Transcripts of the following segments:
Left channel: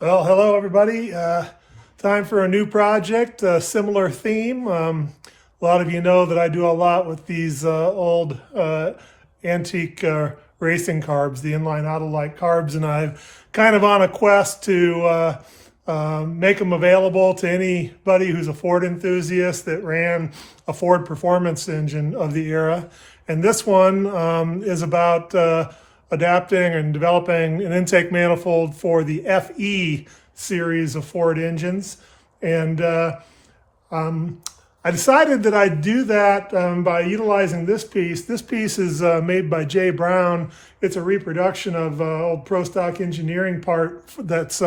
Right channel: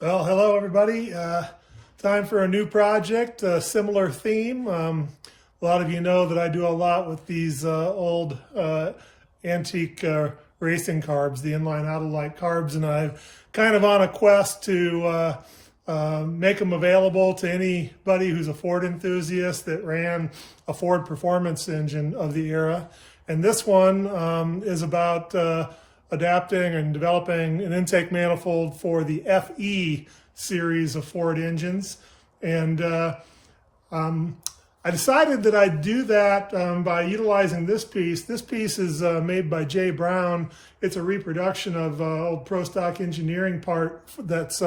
Well, hello everybody. Time for a new project, a similar theme. A lot of you know that I do a lot with these old antique racing carbs, the inline Autolite carbs, and I'm kind of on a quest to make them available to anybody who's a Ford enthusiast that ran a Ford performance engine of the era. And this one is about adapting and developing an intake manifold for the FE series of Ford engines. And I decided that I'd do that by utilizing this piece. This piece is made by Jay Brown. It's a reproduction of old Pro Stock Engineering part that's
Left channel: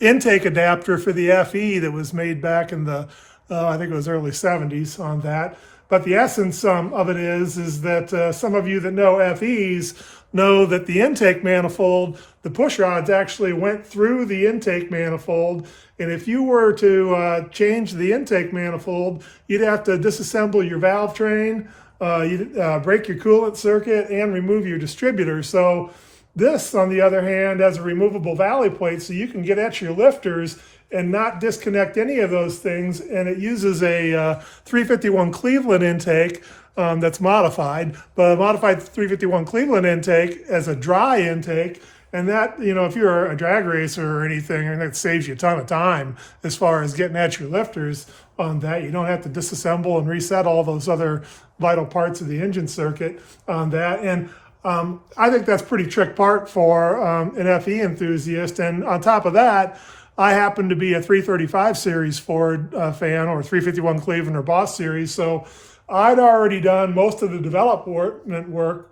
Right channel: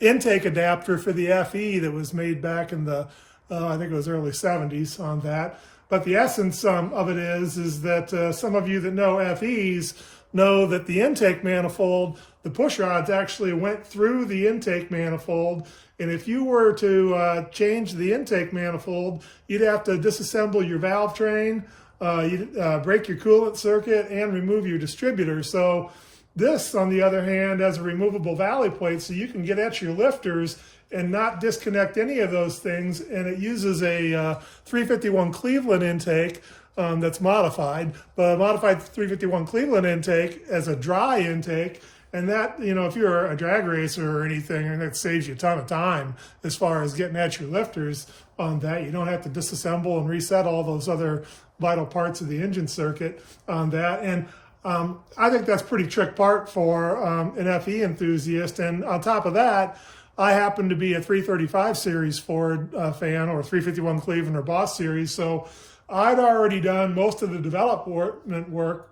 intake adapter for the FE that was made back in the, I think it was early 70s on that. But the essence of it is that some of you that know FEs know that the intake manifold, the push rods actually went through the intake manifold. And if you were to change the intake manifold, you'd have to disassemble your valve train, you'd break your coolant circuit, and remove your distributor. So this, on the other hand, has a removable valley plate, so you can get at your lifters and not disconnect any of those things. And it uses a 351 Cleveland intake that's modified, but a modified 351 Cleveland intake as a dry intake. And that, you know, if you're a drag racer or anything, and it saves you a ton of time as far as getting at your lifters on that. You don't have to disassemble and reset all those other vital parts of the engine circuit on that. And I think that's pretty trick part for an FE enthusiast. And on top of that, I happen to be a 335 series Ford fan, or 351 Cleveland or Boss series. So I'd already done most of the development work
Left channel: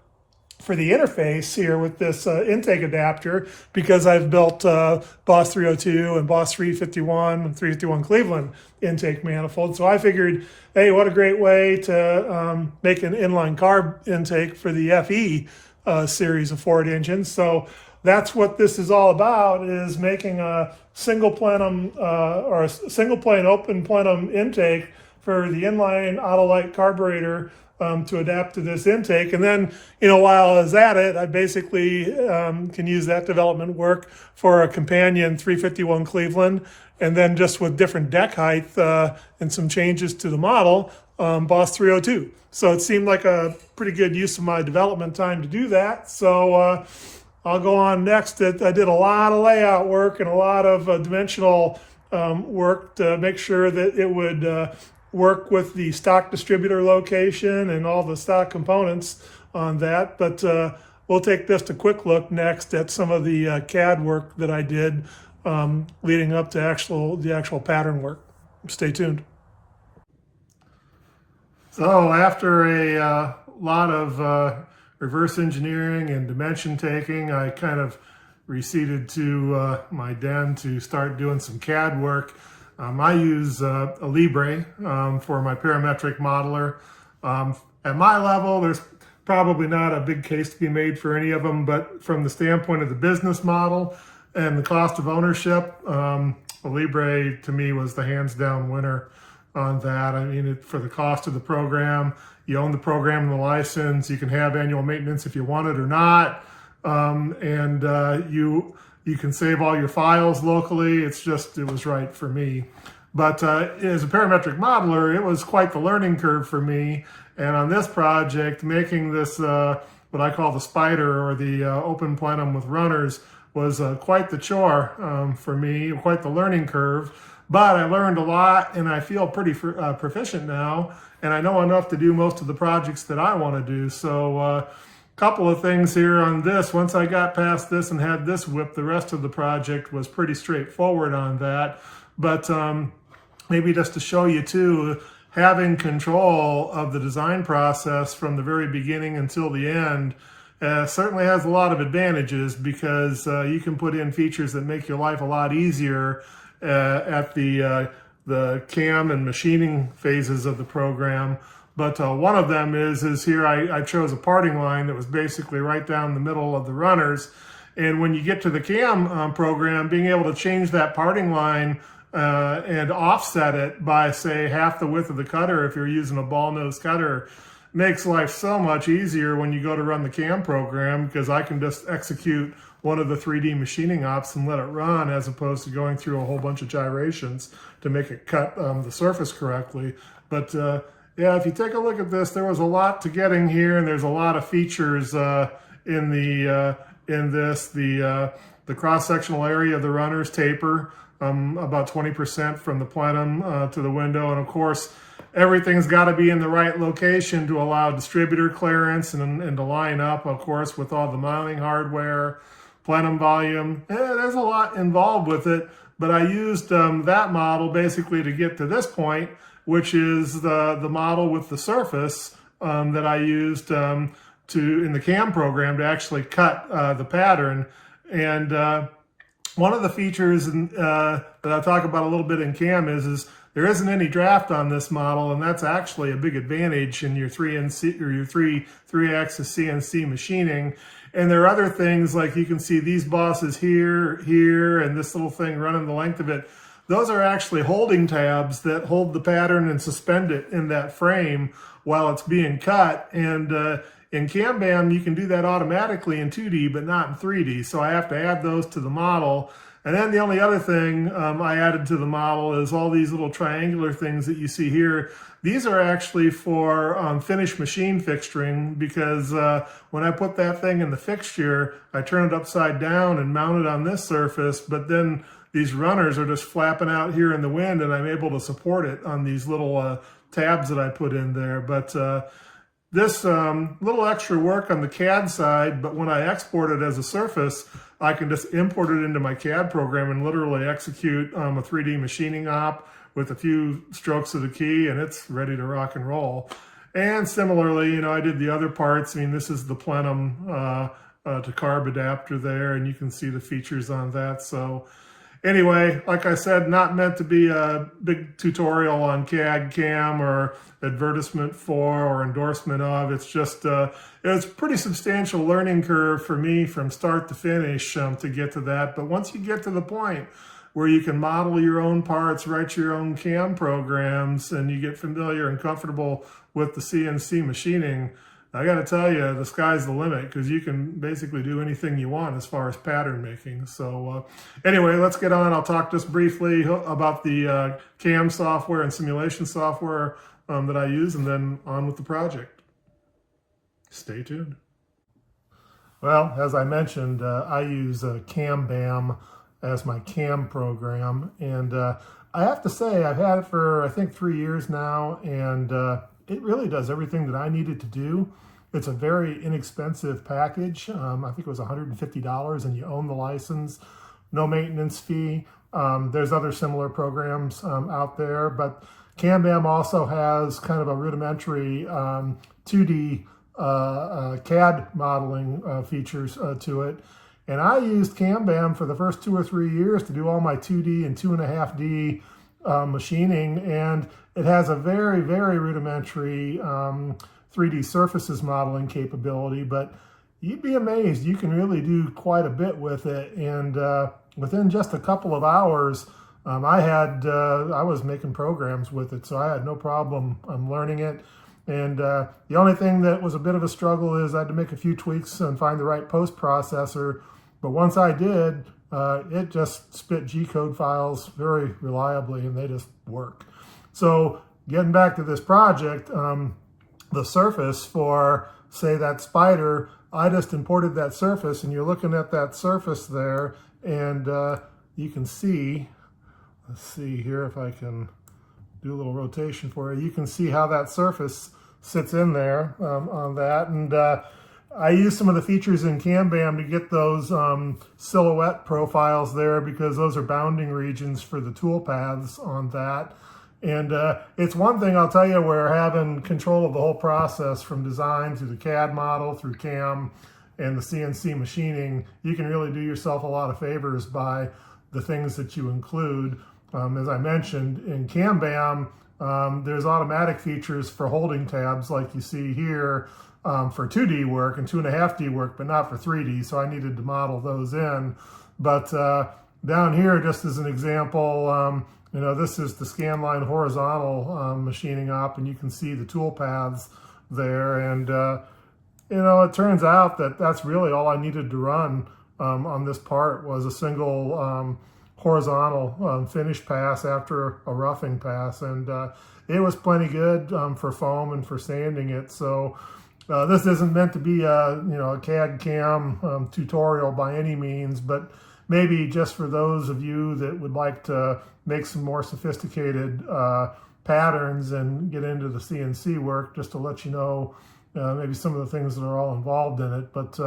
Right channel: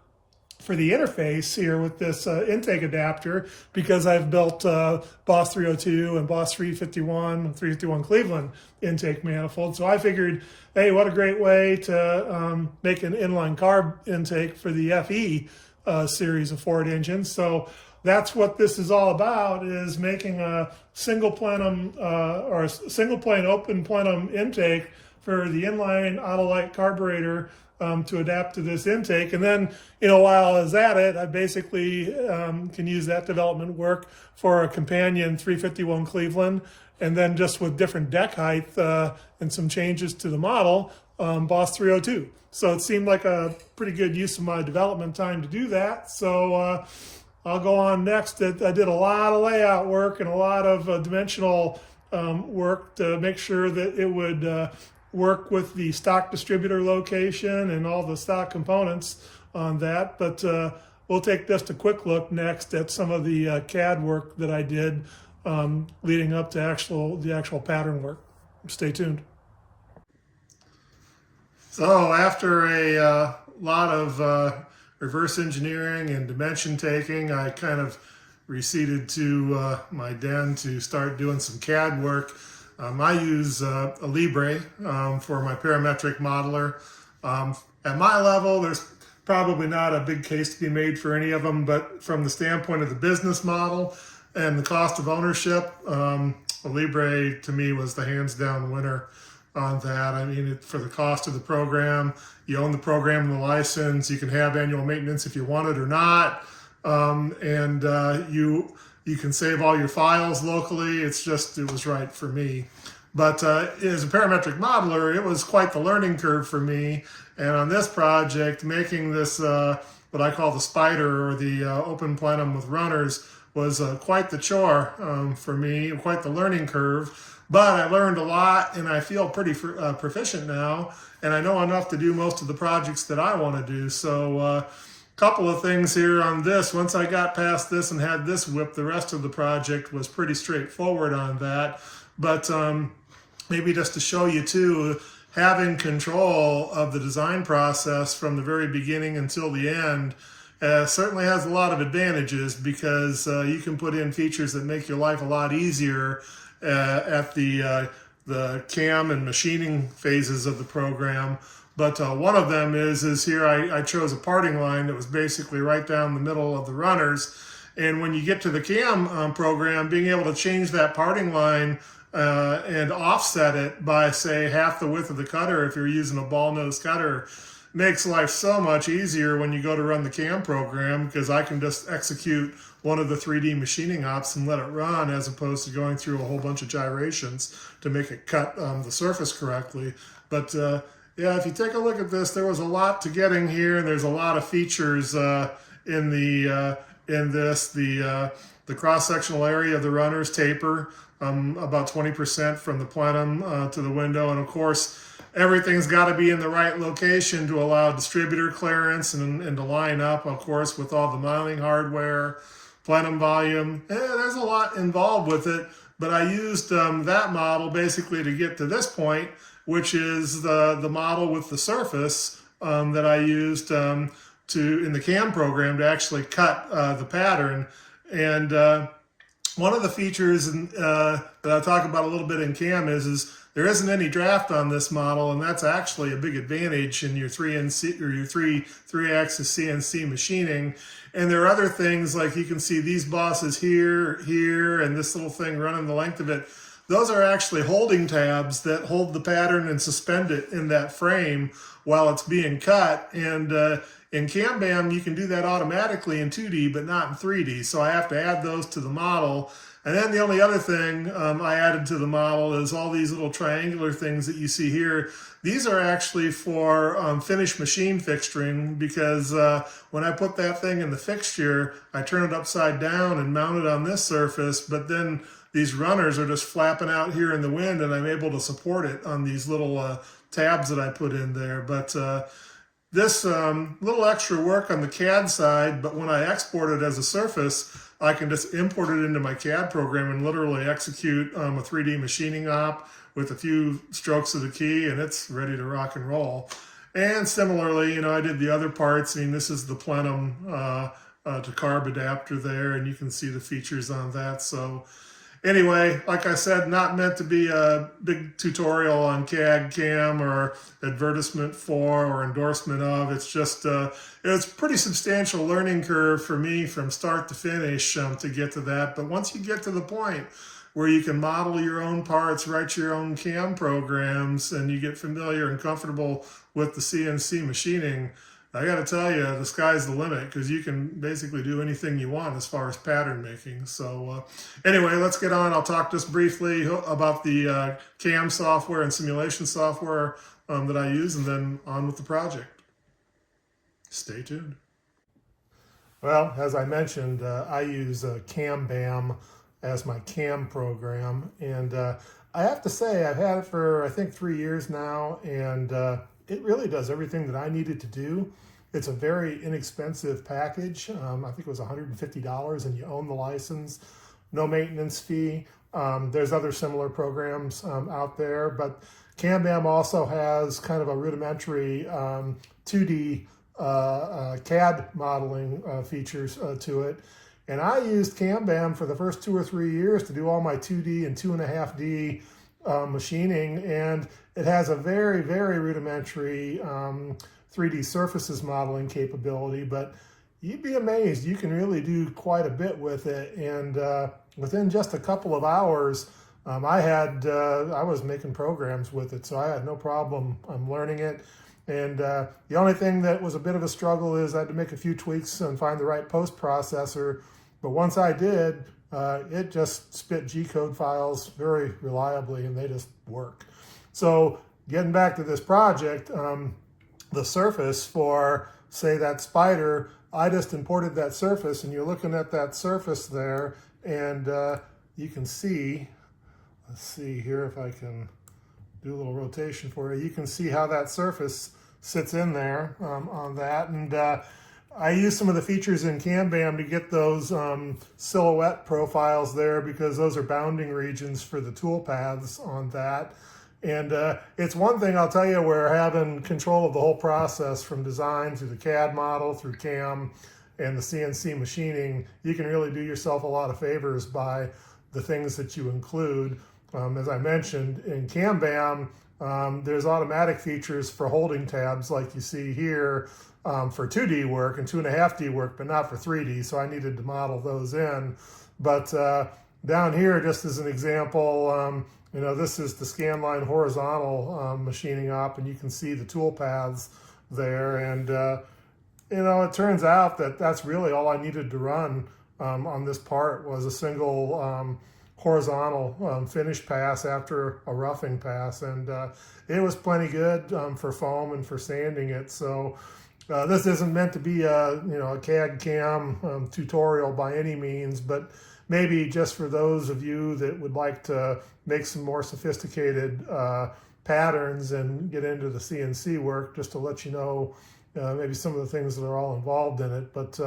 for the interface here with this intake adapter, because I've built Boss 302 and Boss 351 and 351 Cleveland intake manifold. So I figured, hey, what a great way to make an inline carb intake for the FE series of Ford engines. So that's what this is all about, is making a single plenum or a single plane open plenum intake for the inline Autolite carburetor to adapt to this intake. And then, you know, while I was at it, I basically can use that development work for a companion 351 Cleveland, and then just with different deck height and some changes to the model, Boss 302. So it seemed like a pretty good use of my development time to do that. So I'll go on next. I did a lot of layout work and a lot of dimensional work to make sure that it would work with the stock distributor location and all the stock components on that. But we'll take just a quick look next at some of the CAD work that I did leading up to the actual pattern work. Stay tuned. So after a lot of reverse engineering and dimension taking, I kind of receded to my den to start doing some CAD work. I use a Libre for my parametric modeler. At my level, there's probably not a big case to be made for any of them, but from the standpoint of the business model and the cost of ownership, a Libre to me was the hands down winner on that. I mean, for the cost of the program, you own the program and the license, you can have annual maintenance if you want it or not, and you can save all your files locally. It was right for me. But as a parametric modeler, it was quite the learning curve for me. And on this project, making this, what I call the spider, or the open plenum with runners, was quite the chore for me, quite the learning curve. But I learned a lot, and I feel pretty proficient now, and I know enough to do most of the projects that I want to do. So couple of things here on this. Once I got past this and had this whip, the rest of the project was pretty straightforward on that. But maybe just to show you too, having control of the design process from the very beginning until the end certainly has a lot of advantages, because you can put in features that make your life a lot easier at the cam and machining phases of the program. But one of them is here I chose a parting line that was basically right down the middle of the runners. And when you get to the cam program, being able to change that parting line and offset it by, say, half the width of the cutter if you're using a ball nose cutter, makes life so much easier when you go to run the CAM program, because I can just execute one of the 3D machining ops and let it run, as opposed to going through a whole bunch of gyrations to make it cut the surface correctly. But yeah, if you take a look at this, there was a lot to getting here, and there's a lot of features in this. The cross-sectional area of the runners taper about 20% from the plenum to the window, and of course everything's got to be in the right location to allow distributor clearance and to line up, of course, with all the mounting hardware, plenum volume. There's a lot involved with it, but I used that model basically to get to this point, which is the model with the surface that I used in the CAM program to actually cut the pattern. And one of the features that I'll talk about a little bit in CAM is there isn't any draft on this model, and that's actually a big advantage in your 3NC or your three-axis CNC machining. And there are other things, like you can see these bosses here, and this little thing running the length of it. Those are actually holding tabs that hold the pattern and suspend it in that frame while it's being cut. And in CAM-BAM, you can do that automatically in 2D, but not in 3D. So I have to add those to the model. And then the only other thing I added to the model is all these little triangular things that you see here. These are actually for finished machine fixturing, because when I put that thing in the fixture, I turn it upside down and mount it on this surface, but then these runners are just flapping out here in the wind, and I'm able to support it on these little tabs that I put in there. But this little extra work on the CAD side, but when I export it as a surface, I can just import it into my CAD program and literally execute a 3D machining op with a few strokes of the key, and it's ready to rock and roll. And similarly, I did the other parts. This is the plenum to carb adapter there, and you can see the features on that. So anyway, like I said, not meant to be a big tutorial on CAD, CAM, or advertisement for or endorsement of. It's just, it's a pretty substantial learning curve for me from start to finish to get to that. But once you get to the point where you can model your own parts, write your own CAM programs, and you get familiar and comfortable with the CNC machining, I got to tell you, the sky's the limit, because you can basically do anything you want as far as pattern making. So anyway, let's get on. I'll talk just briefly about the CAM software and simulation software that I use, and then on with the project. Stay tuned. Well, as I mentioned, I use CAM-BAM as my CAM program, and I have to say I've had it for I think 3 years now, and it really does everything that I needed to do. It's a very inexpensive package. I think it was $150, and you own the license, no maintenance fee. There's other similar programs out there, but CAM-BAM also has kind of a rudimentary 2D CAD modeling features to it. And I used CAM-BAM for the first 2 or 3 years to do all my 2D and 2.5D machining, and it has a very, very rudimentary 3D surfaces modeling capability, but you'd be amazed. You can really do quite a bit with it, and within just a couple of hours, I was making programs with it, so I had no problem learning it. And the only thing that was a bit of a struggle is I had to make a few tweaks and find the right post processor, but once I did, it just spit G-code files very reliably, and they just work. So getting back to this project, the surface for, say, that spider, I just imported that surface, and you're looking at that surface there, and you can see, let's see here if I can do a little rotation for you. You can see how that surface sits in there on that, and I use some of the features in CAM-BAM to get those silhouette profiles there, because those are bounding regions for the tool paths on that. And it's one thing, I'll tell you, where having control of the whole process from design through the CAD model, through CAM, and the CNC machining, you can really do yourself a lot of favors by the things that you include. As I mentioned, in CAM-BAM, there's automatic features for holding tabs like you see here for 2D work and 2.5D work, but not for 3D, so I needed to model those in. But down here, just as an example, this is the scanline horizontal machining op, and you can see the tool paths there. And, you know, it turns out that that's really all I needed to run on this part was a single horizontal finish pass after a roughing pass. And it was plenty good for foam and for sanding it. So this isn't meant to be a, you know, a CAD CAM tutorial by any means, but maybe just for those of you that would like to make some more sophisticated patterns and get into the CNC work, just to let you know maybe some of the things that are all involved in it. But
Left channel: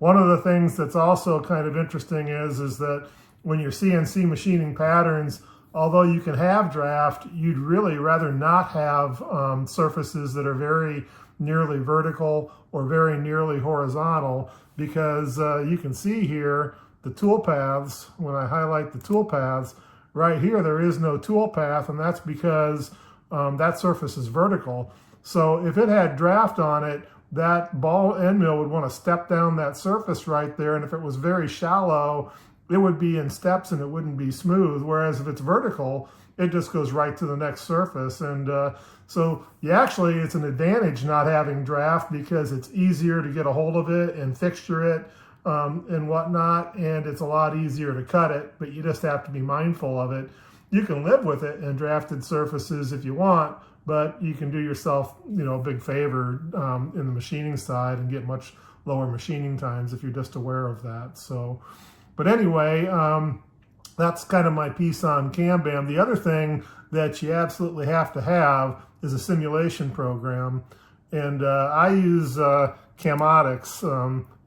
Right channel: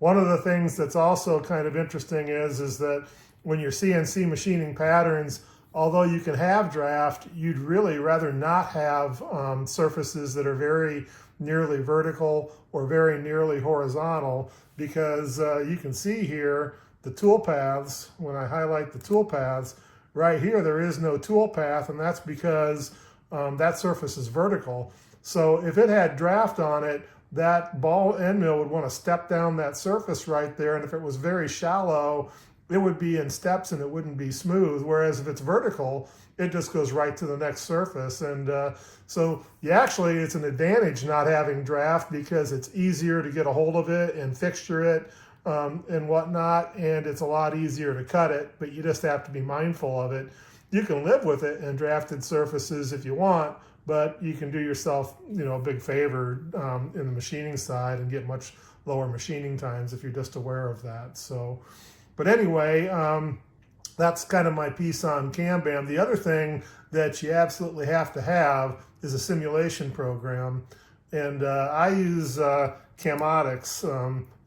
one of the things that's also kind of interesting is that when you're CNC machining patterns, although you can have draft, you'd really rather not have surfaces that are very nearly vertical or very nearly horizontal, because you can see here the tool paths. When I highlight the tool paths, right here there is no tool path, and that's because that surface is vertical. So if it had draft on it, that ball end mill would want to step down that surface right there, and if it was very shallow, it would be in steps and it wouldn't be smooth. Whereas if it's vertical, it just goes right to the next surface. And so it's an advantage not having draft, because it's easier to get a hold of it and fixture it and whatnot, and it's a lot easier to cut it, but you just have to be mindful of it. You can live with it in drafted surfaces if you want, but you can do yourself, you know, a big favor in the machining side and get much lower machining times if you're just aware of that. So, but anyway, that's kind of my piece on CAMBAM. The other thing that you absolutely have to have is a simulation program. And I use Camotics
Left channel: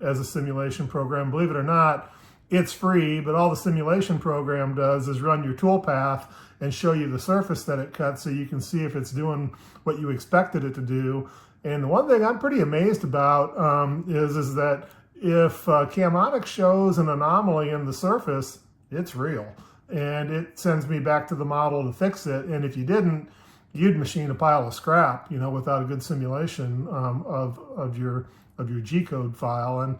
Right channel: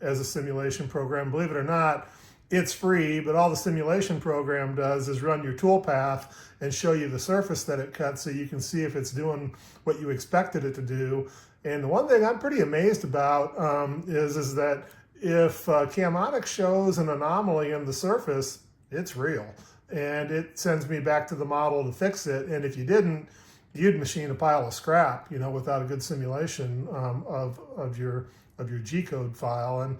as a simulation program. Believe it or not, it's free, but all the simulation program does is run your toolpath and show you the surface that it cuts so you can see if it's doing what you expected it to do. And the one thing I'm pretty amazed about is that if Camotics shows an anomaly in the surface, it's real. And it sends me back to the model to fix it. And if you didn't, you'd machine a pile of scrap, you know, without a good simulation of your G-code file. And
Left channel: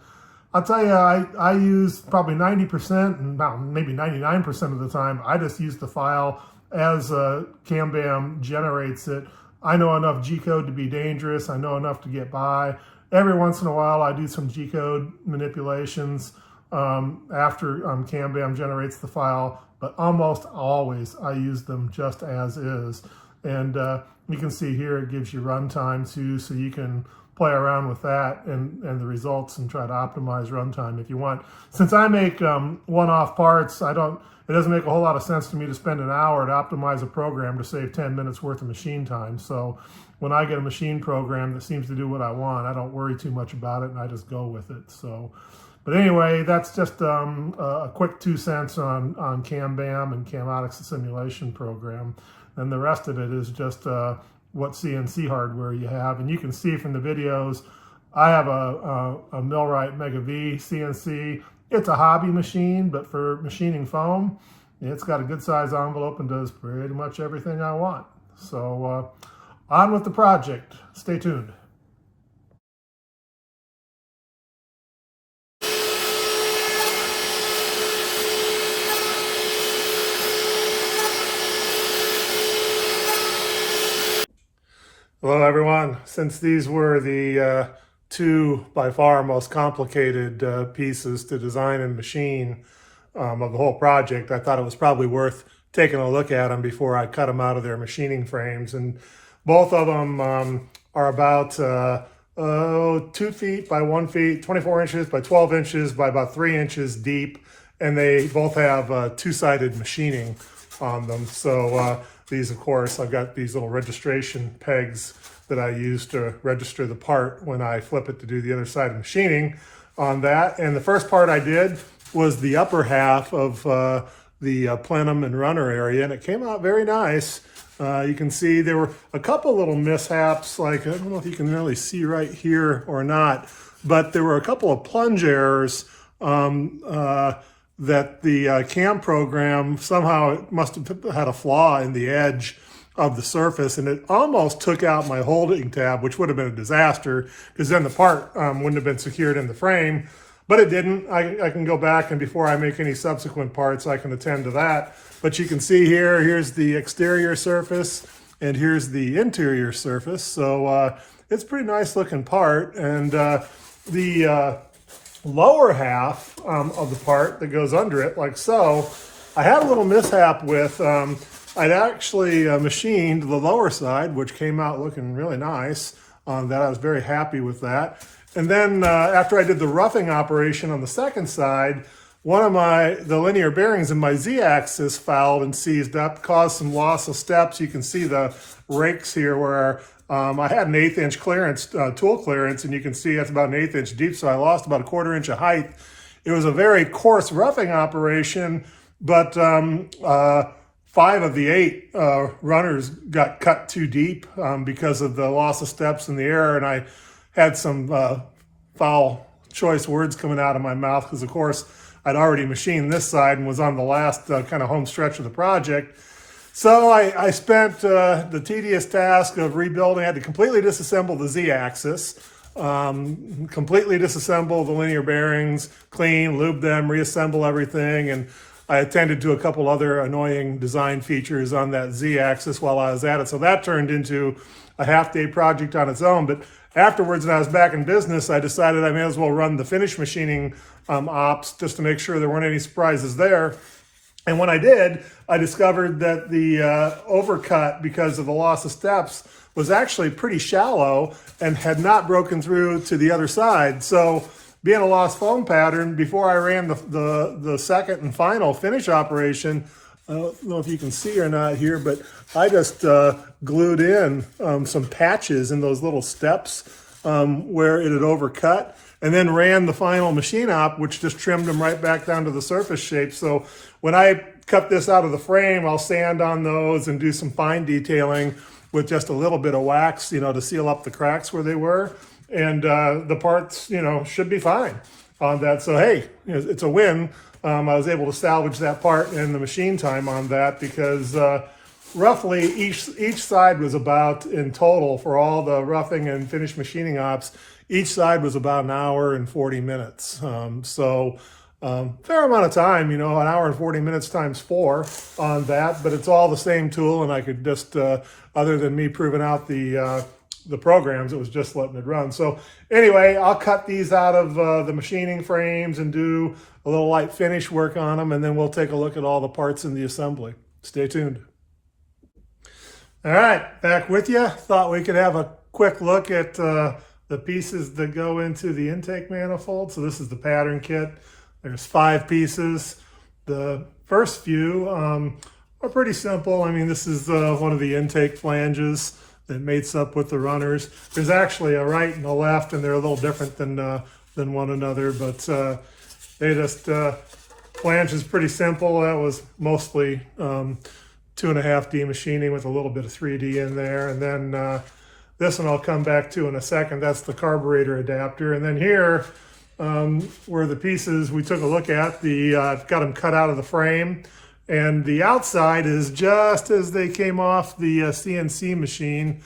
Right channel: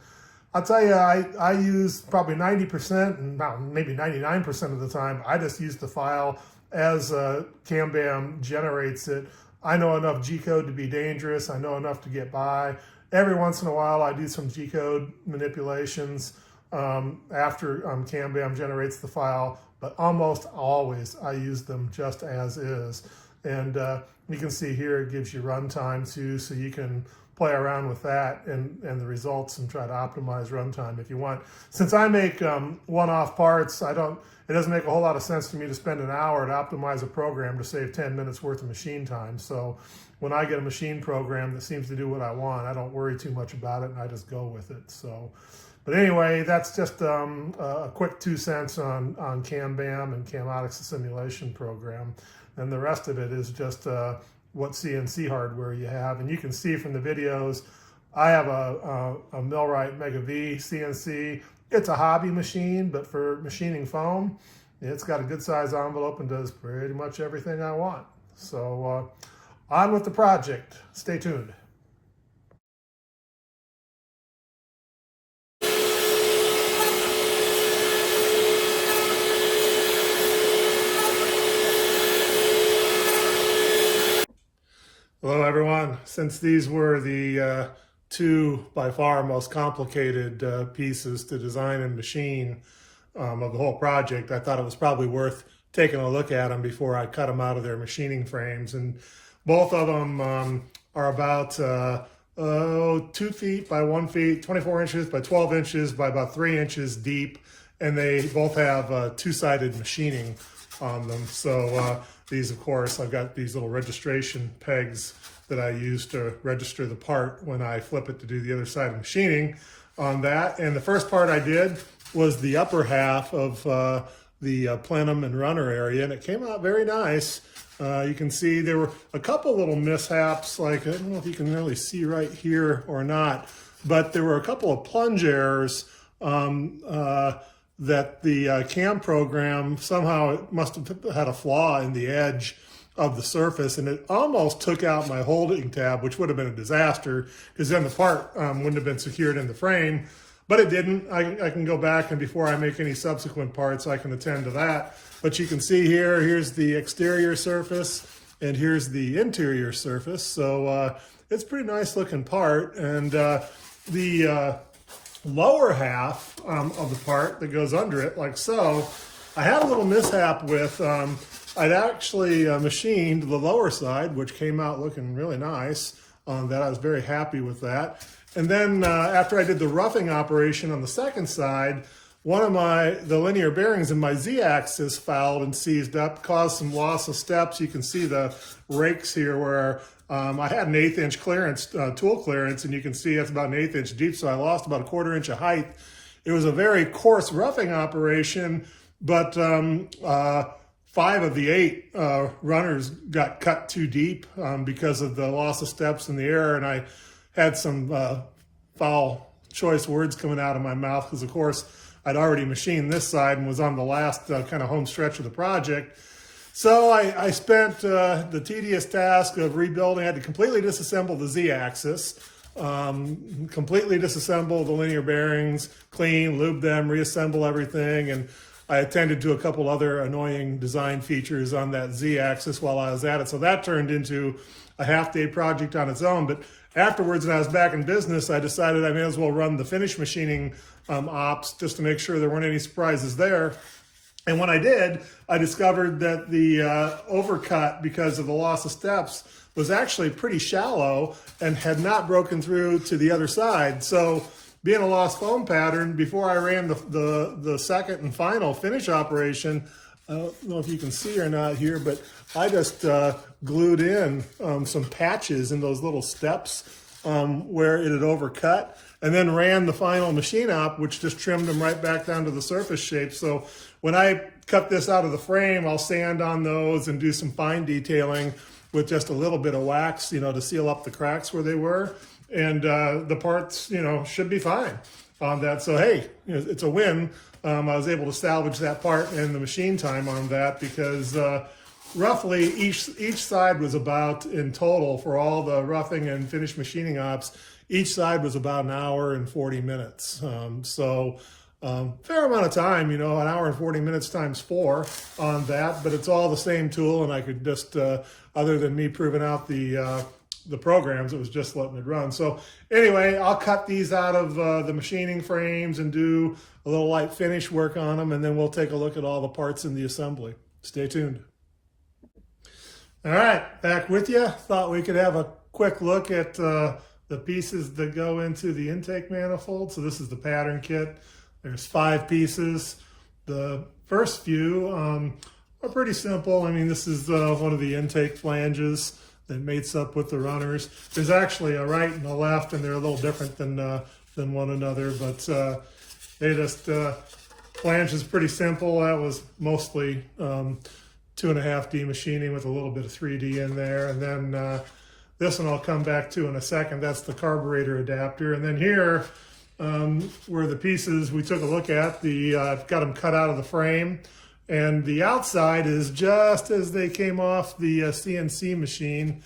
I'll tell you, I use probably 90% and maybe 99% of the time, I just use the file as CAMBAM generates it. I know enough G-code to be dangerous. I know enough to get by. Every once in a while, I do some G-code manipulations after CAMBAM generates the file, but almost always I use them just as is. And you can see here it gives you runtime too, so you can play around with that and the results and try to optimize runtime if you want. Since I make one-off parts, it doesn't make a whole lot of sense to me to spend an hour to optimize a program to save 10 minutes worth of machine time. So when I get a machine program that seems to do what I want, I don't worry too much about it and I just go with it. So, but anyway, that's just a quick 2 cents on CAMBAM and Camotics, the simulation program. And the rest of it is just what CNC hardware you have. And you can see from the videos, I have a Millwright Mega V CNC. It's a hobby machine, but for machining foam, it's got a good size envelope and does pretty much everything I want. So on with the project. Stay tuned. Hello everyone. Since these were the two by far most complicated pieces to design and machine of the whole project, I thought it was probably worth taking a look at them before I cut them out of their machining frames. And both of them are about 2 feet by 1 feet, 24 inches by 12 inches by about 3 inches deep, and they both have two-sided machining on them. So these, of course, I've got these little registration pegs that I use to register the part when I flip it to do the other side of machining on that. And the first part I did was the upper half of the plenum and runner area, and it came out very nice. You can see there were a couple little mishaps, like I don't know if you can really see right here or not, but there were a couple of plunge errors that the CAM program somehow must have had a flaw in the edge of the surface, and it almost took out my holding tab, which would have been a disaster because then the part wouldn't have been secured in the frame, but it didn't. I can go back, and before I make any subsequent parts, I can attend to that. But you can see here's the exterior surface and here's the interior surface. So it's a pretty nice looking part. And the lower half of the part that goes under it, like so, I had a little mishap with, I'd actually machined the lower side, which came out looking really nice. That I was very happy with that. And then after I did the roughing operation on the second side, one of the linear bearings in my Z-axis fouled and seized up, caused some loss of steps. You can see the rakes here where I had an 1/8 inch clearance, tool clearance, and you can see that's about an 1/8 inch deep, so I lost about 1/4 inch of height. It was a very coarse roughing operation, but 5 of the 8 runners got cut too deep because of the loss of steps and the error, and I had some foul choice words coming out of my mouth because, of course, I'd already machined this side and was on the last kind of home stretch of the project. So I spent the tedious task of rebuilding. I had to completely disassemble the Z-axis, completely disassemble the linear bearings, clean, lube them, reassemble everything, and I attended to a couple other annoying design features on that Z-axis while I was at it. So that turned into a half-day project on its own. But afterwards, when I was back in business, I decided I may as well run the finish machining ops just to make sure there weren't any surprises there. And when I did, I discovered that the overcut, because of the loss of steps, was actually pretty shallow and had not broken through to the other side. So being a lost foam pattern, before I ran the second and final finish operation, I don't know if you can see or not here, but I just glued in some patches in those little steps where it had overcut, and then ran the final machine op, which just trimmed them right back down to the surface shape. So when I cut this out of the frame, I'll sand on those and do some fine detailing with just a little bit of wax, to seal up the cracks where they were. And the parts, should be fine on that. So, hey, it's a win. I was able to salvage that part and the machine time on that because roughly each side was about, in total, for all the roughing and finish machining ops, each side was about 1 hour and 40 minutes. Fair amount of time, 1 hour and 40 minutes times 4 on that, but it's all the same tool, and I could just, other than me proving out the programs, it was just letting it run. So anyway, I'll cut these out of the machining frames and do a little light finish work on them, and then we'll take a look at all the parts in the assembly. Stay tuned. All right, back with you. Thought we could have a quick look at the pieces that go into the intake manifold. So this is the pattern kit. There's 5 pieces. The first few are pretty simple. I mean, this is one of the intake flanges that mates up with the runners. There's actually a right and a left, and they're a little different than one another, but they just, flange is pretty simple. That was mostly 2.5D machining with a little bit of 3D in there. And then this one I'll come back to in a second. That's the carburetor adapter. And then here, were the pieces we took a look at. I've got them cut out of the frame, and the outside is just as they came off the CNC machine,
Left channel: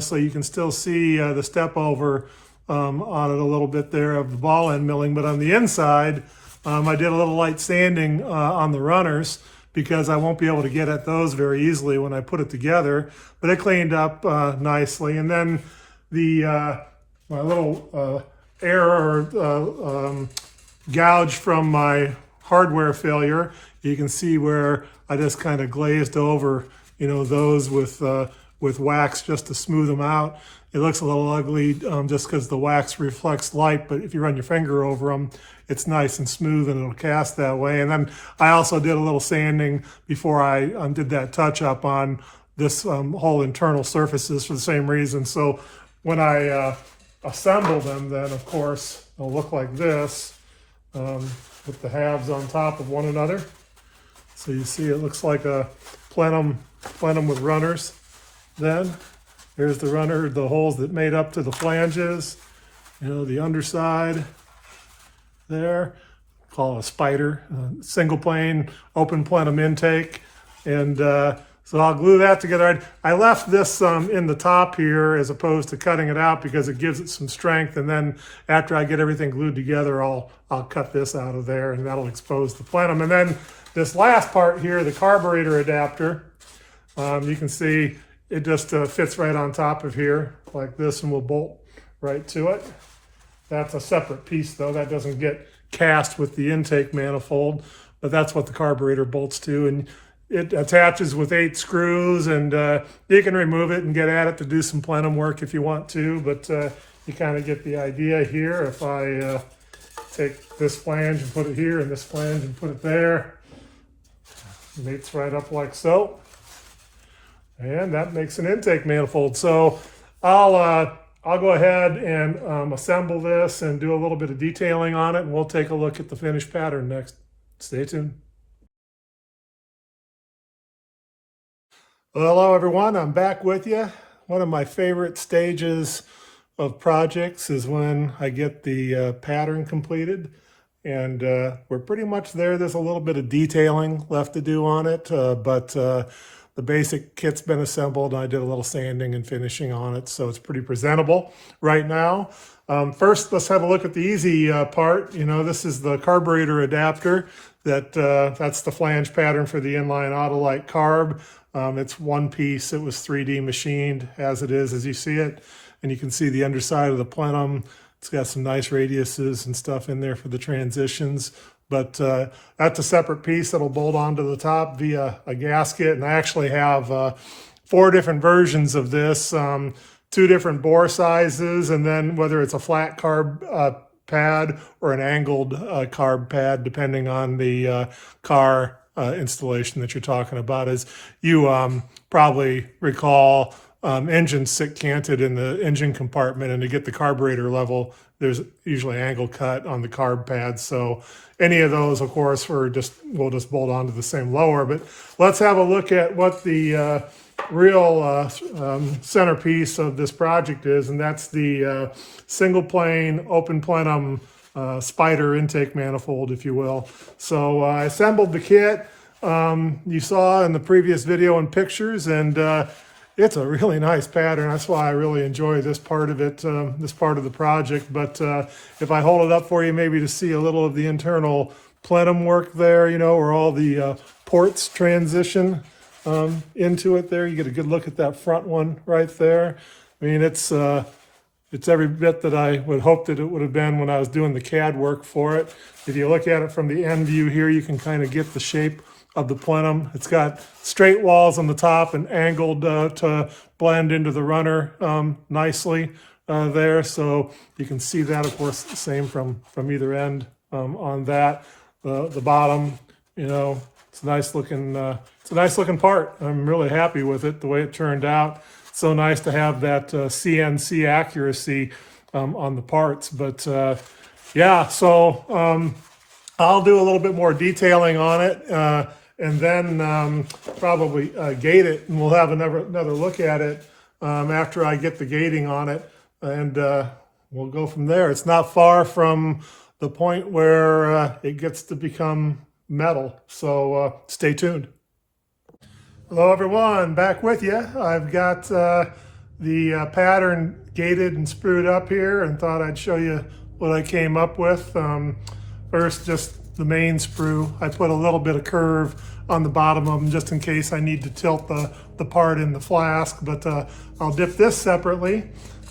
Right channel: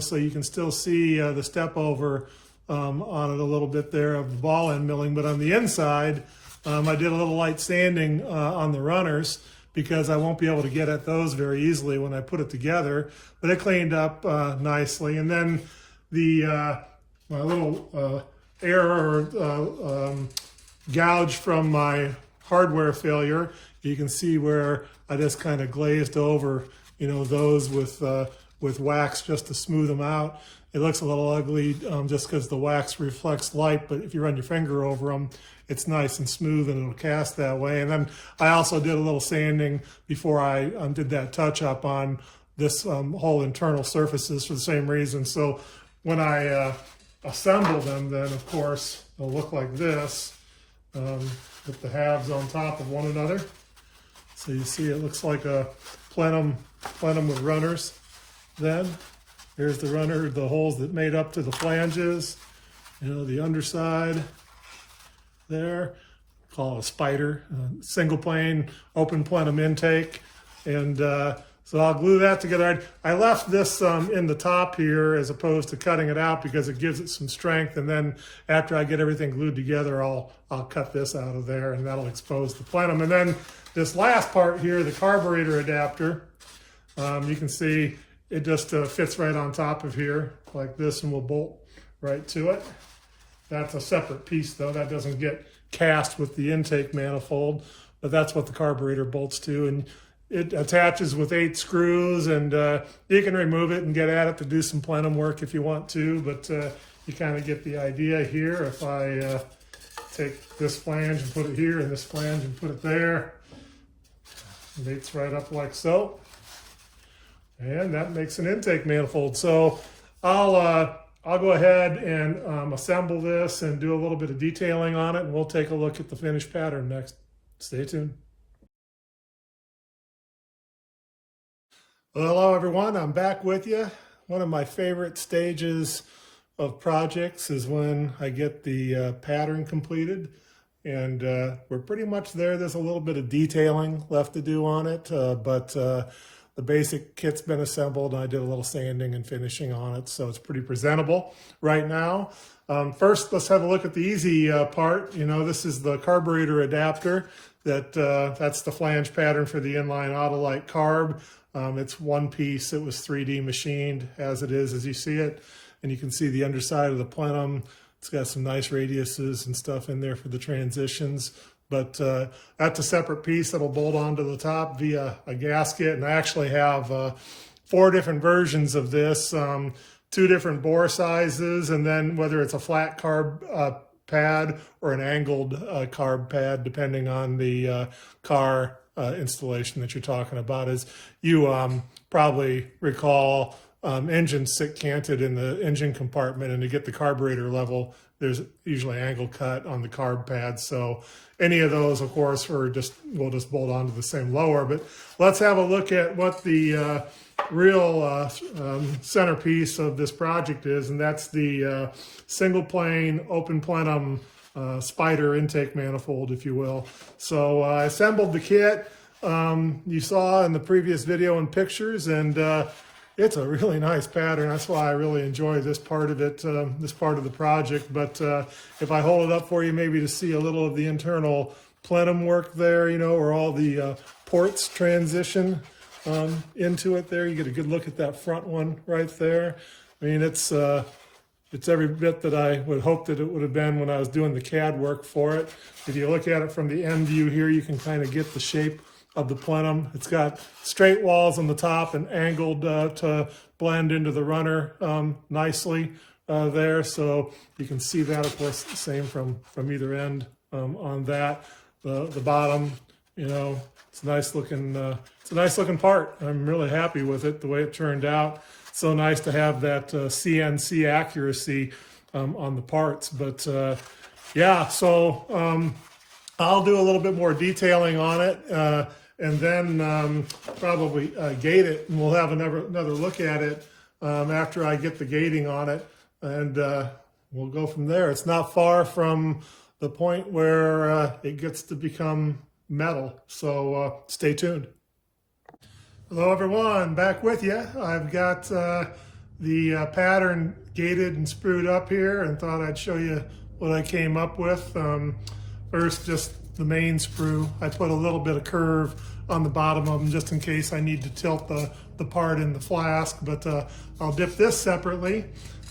so you can still see the step over on it a little bit there of the ball end milling. But on the inside, I did a little light sanding on the runners because I won't be able to get at those very easily when I put it together, but it cleaned up nicely. And then my little error gouge from my hardware failure, you can see where I just kind of glazed over, those with wax just to smooth them out. It looks a little ugly just because the wax reflects light, but if you run your finger over them, it's nice and smooth and it'll cast that way. And then I also did a little sanding before I did that touch up on this whole internal surfaces for the same reason. So when I assemble them, then of course they'll look like this with the halves on top of one another. So you see it looks like a plenum with runners. Then there's the runner, the holes that made up to the flanges, the underside there, call it a spider, single plane, open plenum intake. And so I'll glue that together. I left this in the top here as opposed to cutting it out because it gives it some strength. And then after I get everything glued together, I'll cut this out of there and that'll expose the plenum. And then this last part here, the carburetor adapter, you can see it just fits right on top of here like this, and we'll bolt right to it. That's a separate piece though. That doesn't get cast with the intake manifold, but that's what the carburetor bolts to. And it attaches with 8 screws, and you can remove it and get at it to do some plenum work if you want to, but you kind of get the idea here. If I take this flange and put it here, and this flange and put it there, it mates right up like so. And that makes an intake manifold. So I'll go ahead and assemble this and do a little bit of detailing on it, and we'll take a look at the finished pattern next. Stay tuned. Well, hello everyone, I'm back with you. One of my favorite stages of projects is when I get the pattern completed, and we're pretty much there. There's a little bit of detailing left to do on it, but the basic kit's been assembled, and I did a little sanding and finishing on it, so it's pretty presentable right now. First, let's have a look at the easy part. You know, this is the carburetor adapter. That's the flange pattern for the Inline Autolite Carb. It's one piece. It was 3D machined as it is, as you see it. And you can see the underside of the plenum. It's got some nice radiuses and stuff in there for the transitions. But that's a separate piece that'll bolt onto the top via a gasket. And I actually have 4 different versions of this, 2 different bore sizes, and then whether it's a flat carb pad or an angled carb pad, depending on the car installation that you're talking about. As you probably recall, engines sit canted in the engine compartment, and to get the carburetor level, there's usually angle cut on the carb pads. So any of those, of course, we'll just bolt onto the same lower. But let's have a look at what the real centerpiece of this project is, and that's the single plane open plenum spider intake manifold, if you will. So I assembled the kit you saw in the previous video and pictures, and it's a really nice pattern. That's why I really enjoy this part of it, this part of the project. But if I hold it up for you, maybe to see a little of the internal plenum work there, you know, where all the ports transition into it there. You get a good look at that front one right there. I mean, it's every bit that I would hope that it would have been when I was doing the CAD work for it. If you look at it from the end view here, you can kind of get the shape of the plenum. It's got straight walls on the top and angled to blend into the runner nicely there. So you can see that, of course, the same from either end on that. The bottom, you know, it's a nice looking part. I'm really happy with it, the way it turned out. It's so nice to have that CNC accuracy on the parts. But yeah, so I'll do a little bit more detailing on it, and then probably gate it, and we'll have another look at it after I get the gating on it, and we'll go from there. It's not far from the point where it gets to become metal, so stay tuned. Hello everyone, back with you. I've got the pattern gated and sprued up here, and thought I'd show you what I came up with. First, just the main sprue. I put a little bit of curve on the bottom of them just in case I need to tilt the part in the flask, but I'll dip this separately.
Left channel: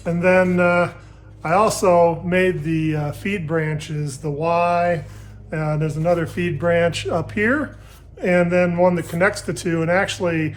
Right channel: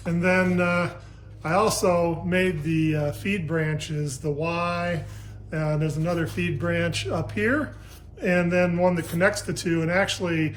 And then I also made the feed branches, the Y, and there's another feed branch up here, and then one that connects the two. And actually,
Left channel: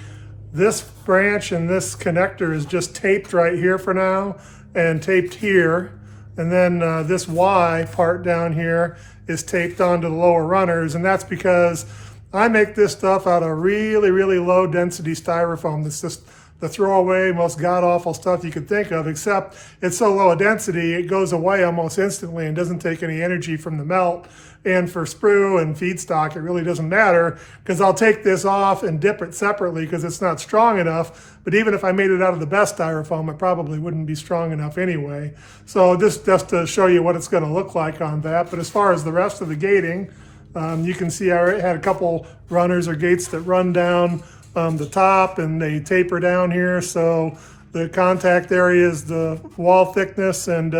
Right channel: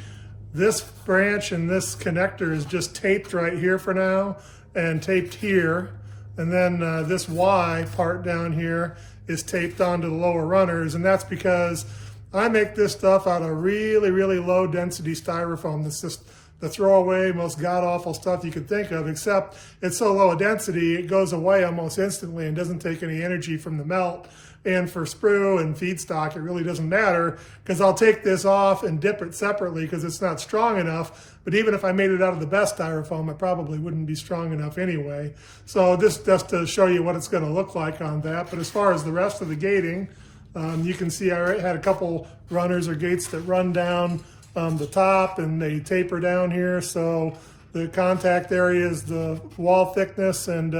this branch and this connector is just taped right here for now, and taped here. And then this Y part down here is taped onto the lower runners, and that's because I make this stuff out of really, really low density styrofoam. This is the throwaway, most god-awful stuff you could think of, except it's so low density, it goes away almost instantly and doesn't take any energy from the melt. And for sprue and feedstock, it really doesn't matter, because I'll take this off and dip it separately because it's not strong enough. But even if I made it out of the best styrofoam, it probably wouldn't be strong enough anyway. So just to show you what it's going to look like on that. But as far as the rest of the gating, you can see I had a couple runners or gates that run down the top, and they taper down here. So the contact area is the wall thickness, and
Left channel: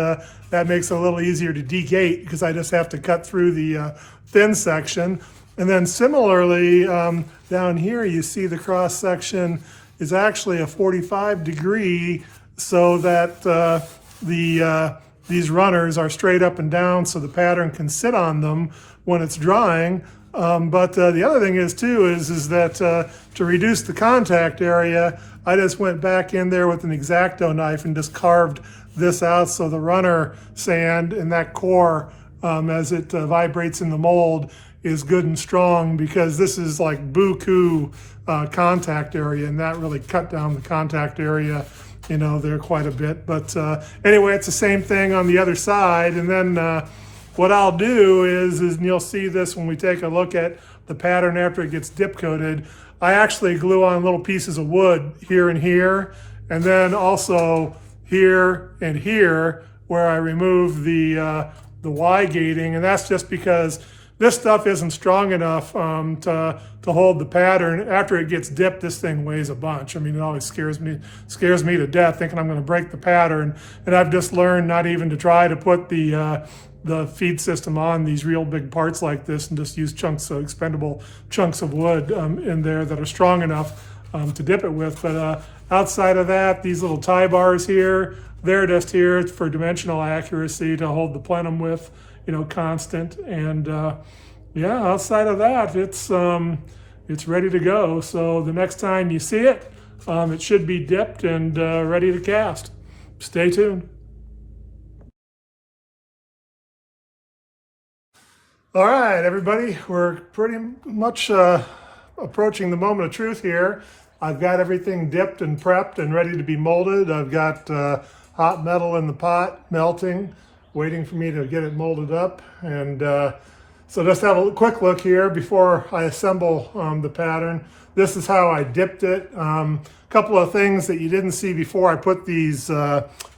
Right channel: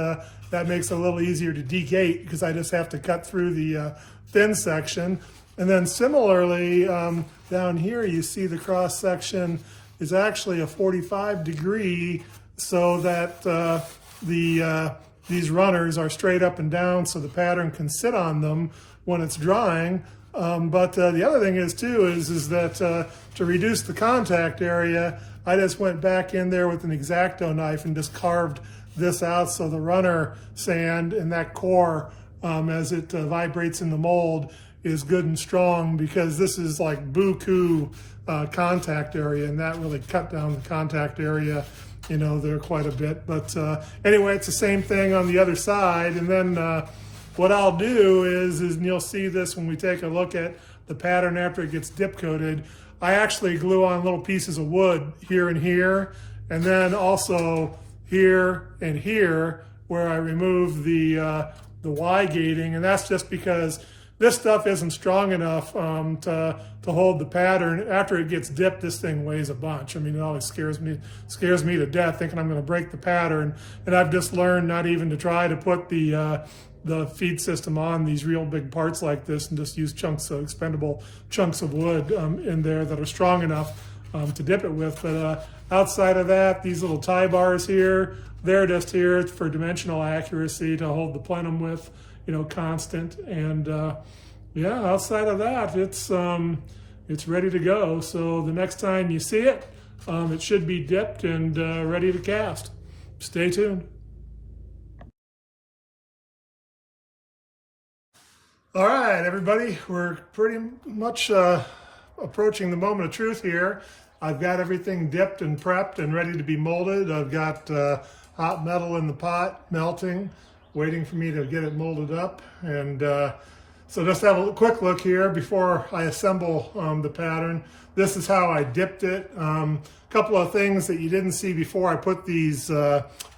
that makes it a little easier to degate because I just have to cut through the thin section. And then similarly, down here you see the cross section is actually a 45-degree, so that these runners are straight up and down, so the pattern can sit on them when it's drying. But the other thing is too is that to reduce the contact area, I just went back in there with an X-Acto knife and just carved this out, so the runner sand in that core, as it vibrates in the mold, is good and strong, because this is like buku contact area, and that really cut down the contact area, you know, there quite a bit. But anyway, it's the same thing on the other side. And then what I'll do is and you'll see this when we take a look at the pattern after it gets dip coated, I actually glue on little pieces of wood here and here, and then also here and here, where I remove the Y gating, and that's just because this stuff isn't strong enough to hold the pattern. After it gets dipped, this thing weighs a bunch. I mean, it always scares me to death, thinking I'm going to break the pattern. And I've just learned not even to try to put the feed system on these real big parts like this, and just use expendable chunks of wood in there that are strong enough to dip it with. But outside of that, these little tie bars here, they're just here for dimensional accuracy to hold the plenum with, you know, constant. And yeah, outside of that, it's ready to go. So the next time you see it, it should be dipped and ready to cast. Stay tuned. All right, everybody, we're pretty much approaching the moment of truth here. I've got everything dipped and prepped and ready to be molded. I've got hot metal in the pot melting, waiting for me to get it molded up. And so just have a quick look here before I assemble the pattern. This is how I dipped it. A couple of things that you didn't see before I put these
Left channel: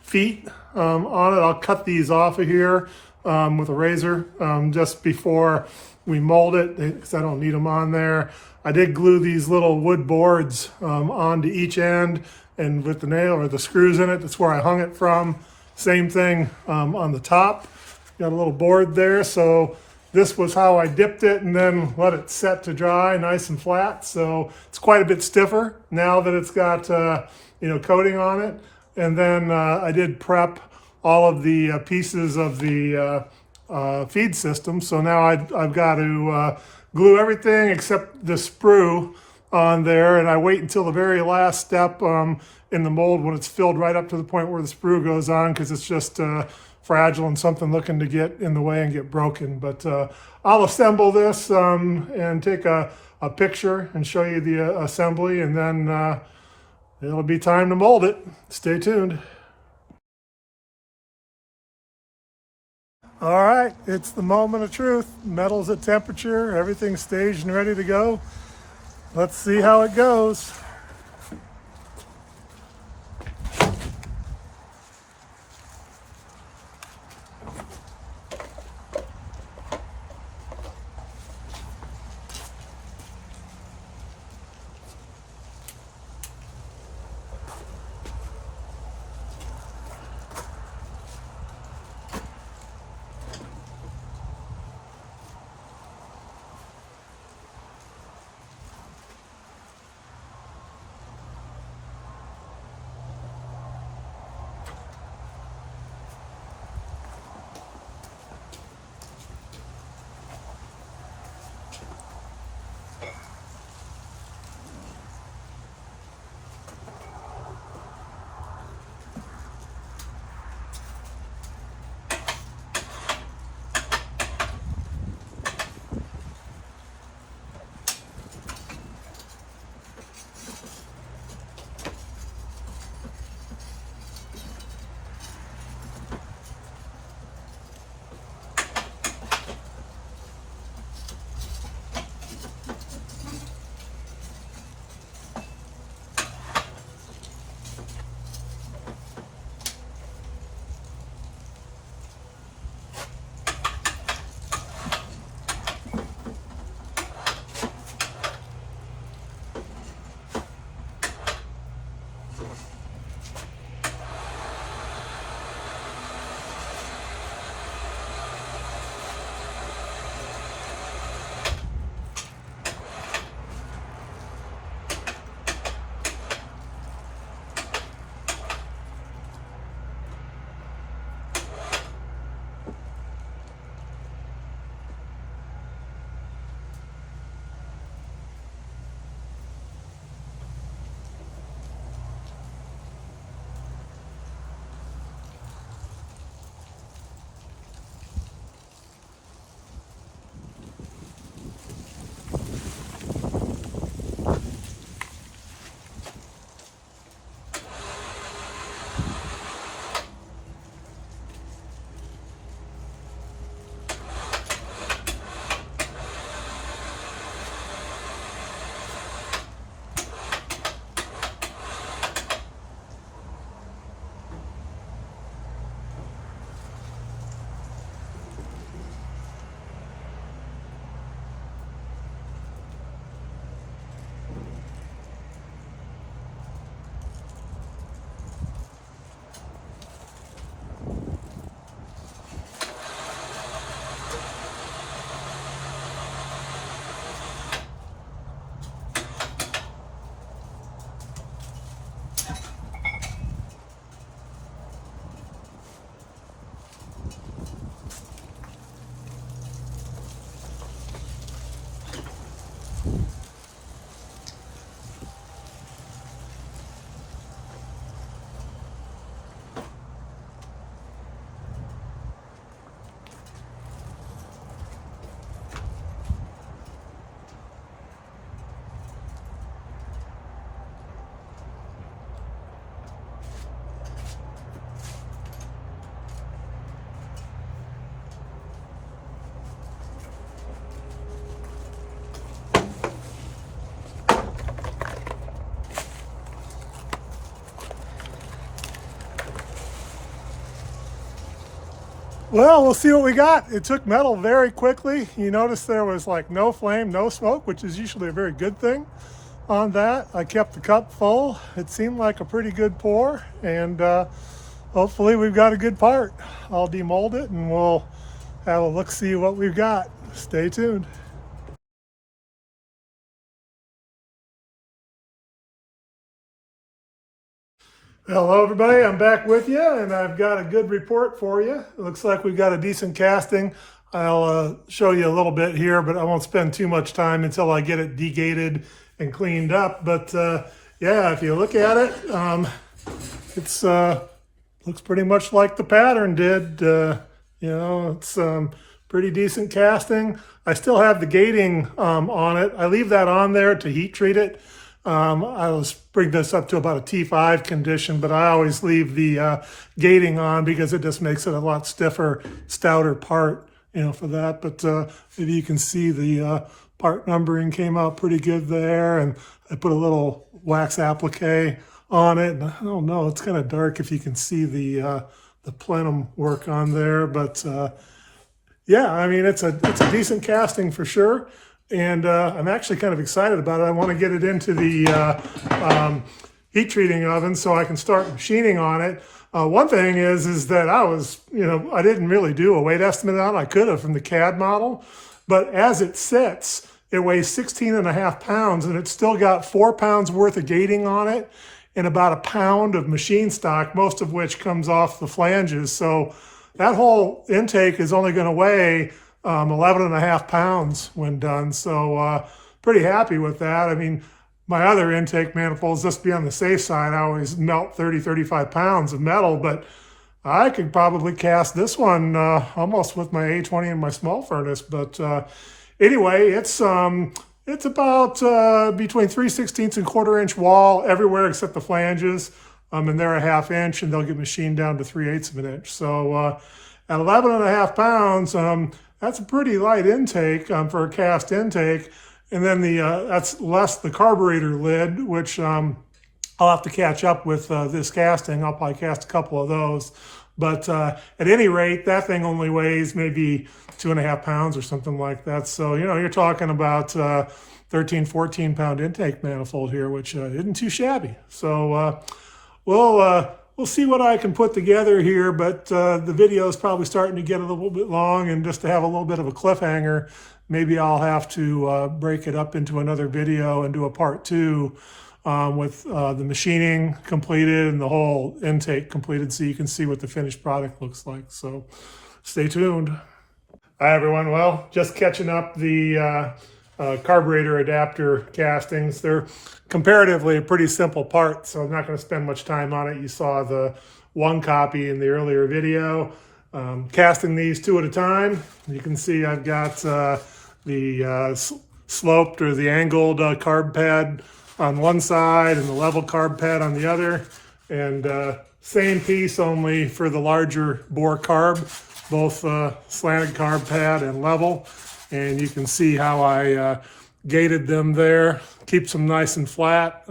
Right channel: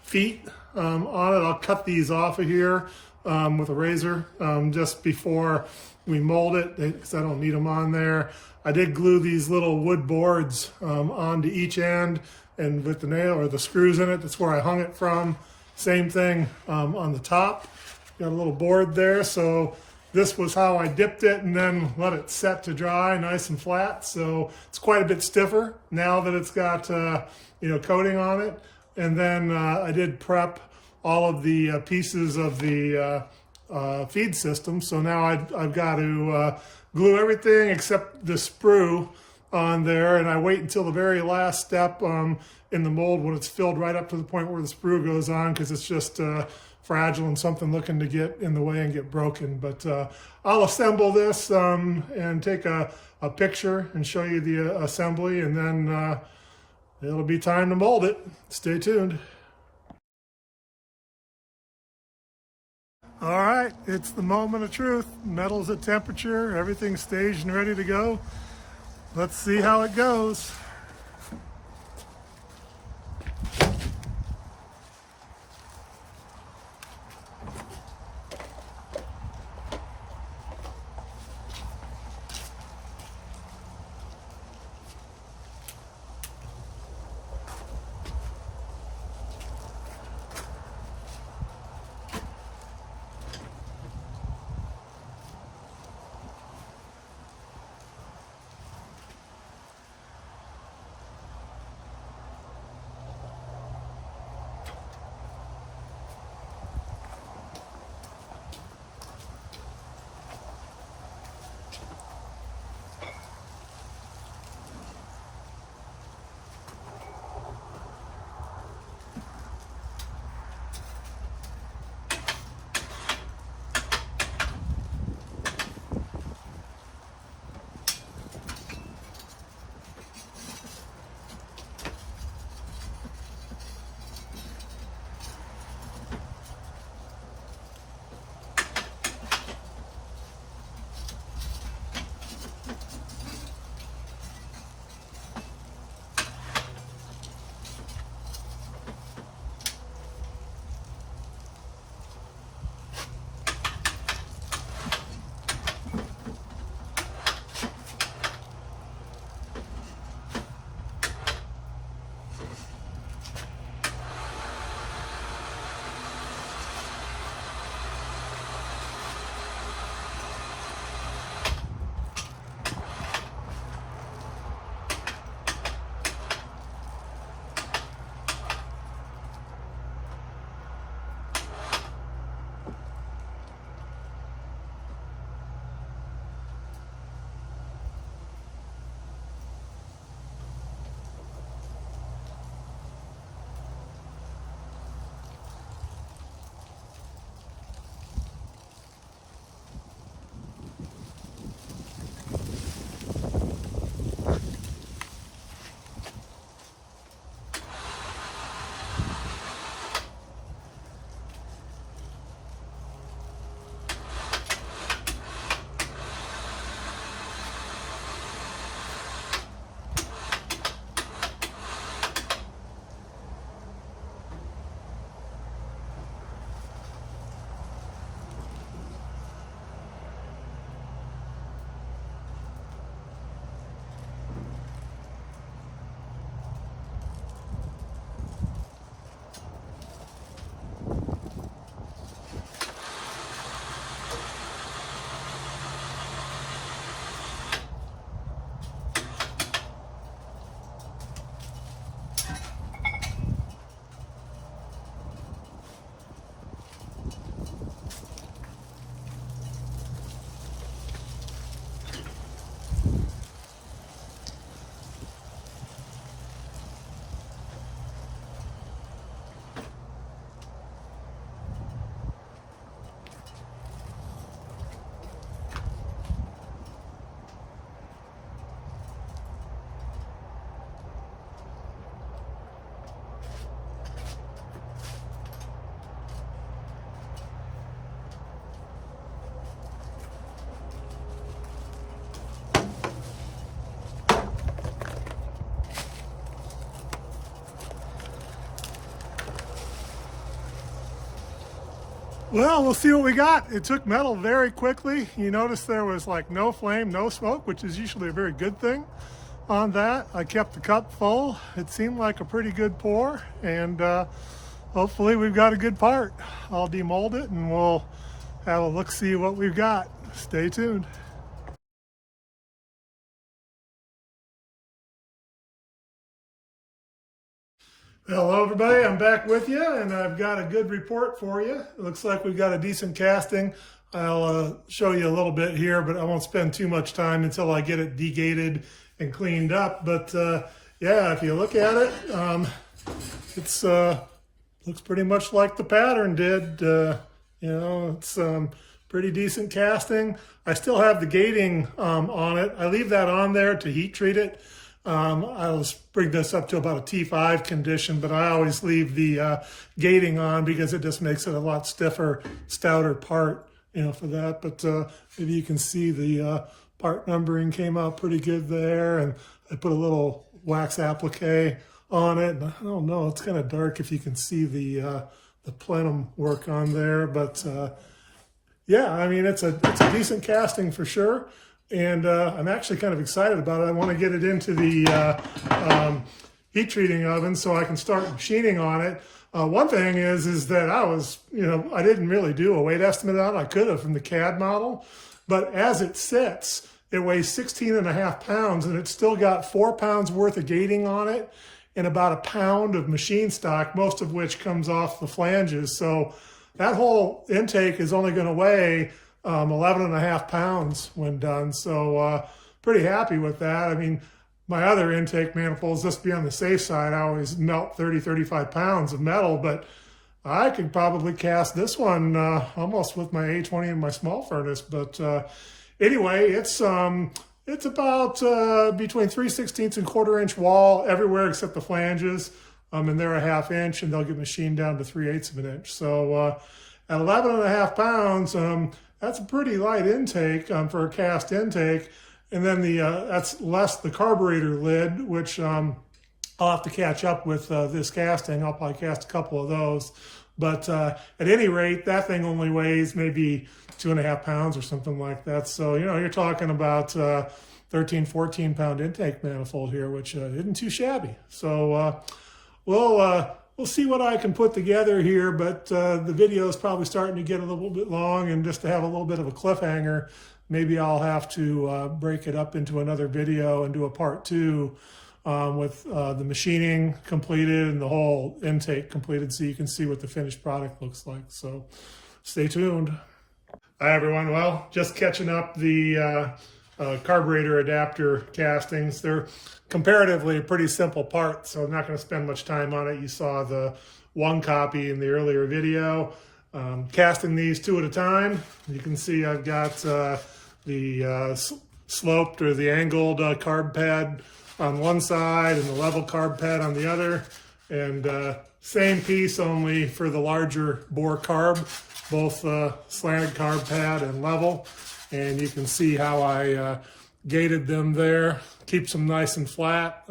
feet on it. I'll cut these off of here with a razor just before we mold it, because I don't need them on there. I did glue these little wood boards onto each end, and with the nail or the screws in it, that's where I hung it from. Same thing on the top. Got a little board there. So this was how I dipped it, and then let it set to dry nice and flat. So it's quite a bit stiffer now that it's got you know, coating on it. And then I did prep all of the pieces of the feed system. So now I've got to glue everything except the sprue on there, and I wait until the very last step in the mold, when it's filled right up to the point where the sprue goes on, because it's just fragile and something looking to get in the way and get broken. But I'll assemble this and take a picture and show you the assembly, and then it'll be time to mold it. Stay tuned. All right, it's the moment of truth. Metal's at temperature, everything's staged and ready to go. Let's see how it goes. Well, we'll see what we got. It took metal very quickly. You notice there was like no flame, no smoke, which is usually a very good thing on that. I kept the cup full. It seemed like a pretty good pour, and hopefully we've got a good part. I'll demold it and we'll have a look, see what we've got. Stay tuned. Hello everybody, I'm back with you and I've got a good report for you. It looks like we've got a decent casting. I'll show you a little bit here, but I won't spend too much time until I get it degated and cleaned up. But yeah, if you look at it, it's looks pretty much like the pattern did. You know, it's pretty decent casting. I still have the gating on it. I leave that on there to heat treat it. I'll bring this up to about a T5 condition, but I always leave the gating on because it just makes it a lot stiffer, stouter part, you know, for that. But maybe you can see the part numbering came out pretty good there, and I put a little wax applique on it. And I don't know, it's kind of dark if you can see the plenum work on there, but yeah, I mean, it's a decent casting for sure. And I'm actually kind of excited about it. I want to get it into the heat treating oven so I can start machining on it. One thing is that I was, you know, I didn't really do a weight estimate on it. I could have from the CAD model, but as it sits, it weighs 16.5 pounds, and it's still got 4 pounds worth of gating on it and about a pound of machine stock, most of which comes off the flanges. So that whole intake is only going to weigh 11.5 pounds when done. So pretty happy with that. I mean, my other intake manifolds, just to be on the safe side, I always melt 35 pounds of metal, but I could probably cast this one almost with my A20 and my small furnace. But anyway, it's about between 3/16 and 1/4 inch wall everywhere except the flanges. And they're a 1/2 inch, and they'll get machined down to 3/8 of an inch. So at 11.5 pounds, that's a pretty light intake for a cast intake. And then that's less the carburetor lid, which I'll have to catch up with this casting. I'll probably cast a couple of those. But at any rate, that thing only weighs maybe 2.5 pounds or something like that. So, you know, you're talking about 13, 14 pound intake manifold here, which isn't too shabby. So we'll see what I can put together here, but the video is probably starting to get a little bit long, and just to have a little bit of a cliffhanger, maybe I'll have to break it up into another video and do a part 2 with the machining completed and the whole intake completed, so you can see what the finished product looks like. So stay tuned. Hi everyone. Well, just catching up the carburetor adapter castings. They're comparatively a pretty simple part, so I'm not going to spend much time on it. You saw the one copy in the earlier video. Casting these 2 at a time. You can see I've got the sloped or the angled carb pad on one side and the level carb pad on the other. And same piece, only for the larger bore carb, both slanted carb pad and level. And you can see how I gated them there. Keeps them nice and flat.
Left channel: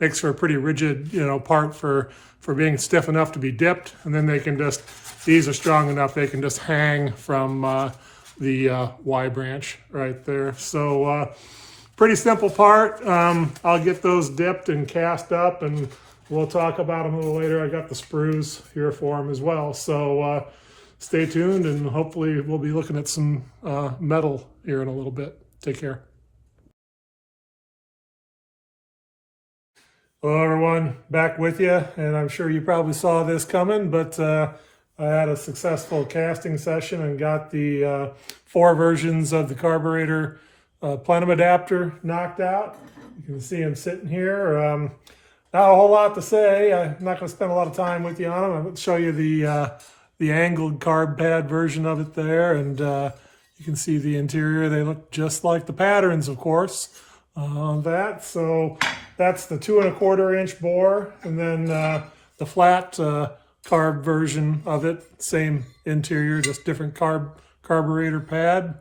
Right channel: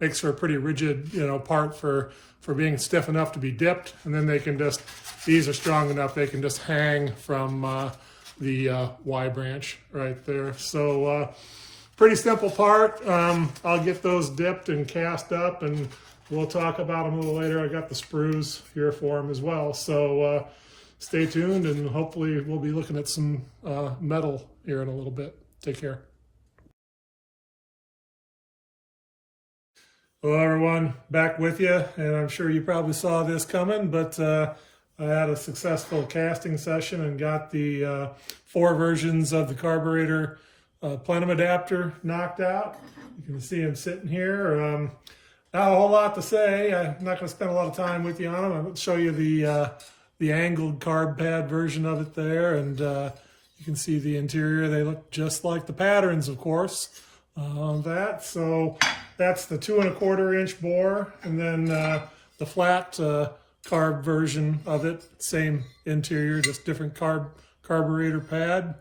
Makes for a pretty rigid, you know, part for being stiff enough to be dipped. And then they can just, these are strong enough, they can just hang from the Y branch right there. So pretty simple part. I'll get those dipped and cast up, and we'll talk about them a little later. I got the sprues here for them as well. So stay tuned, and hopefully we'll be looking at some metal here in a little bit. Take care. Hello everyone, back with you, and I'm sure you probably saw this coming, but I had a successful casting session and got the 4 versions of the carburetor plenum adapter knocked out. You can see them sitting here. Not a whole lot to say. I'm not going to spend a lot of time with you on them. I'm going to show you the angled carb pad version of it there, and you can see the interior. They look just like the patterns, of course, on that. So that's the 2 1/4 inch bore, and then the flat carb version of it, same interior, just different carburetor pad.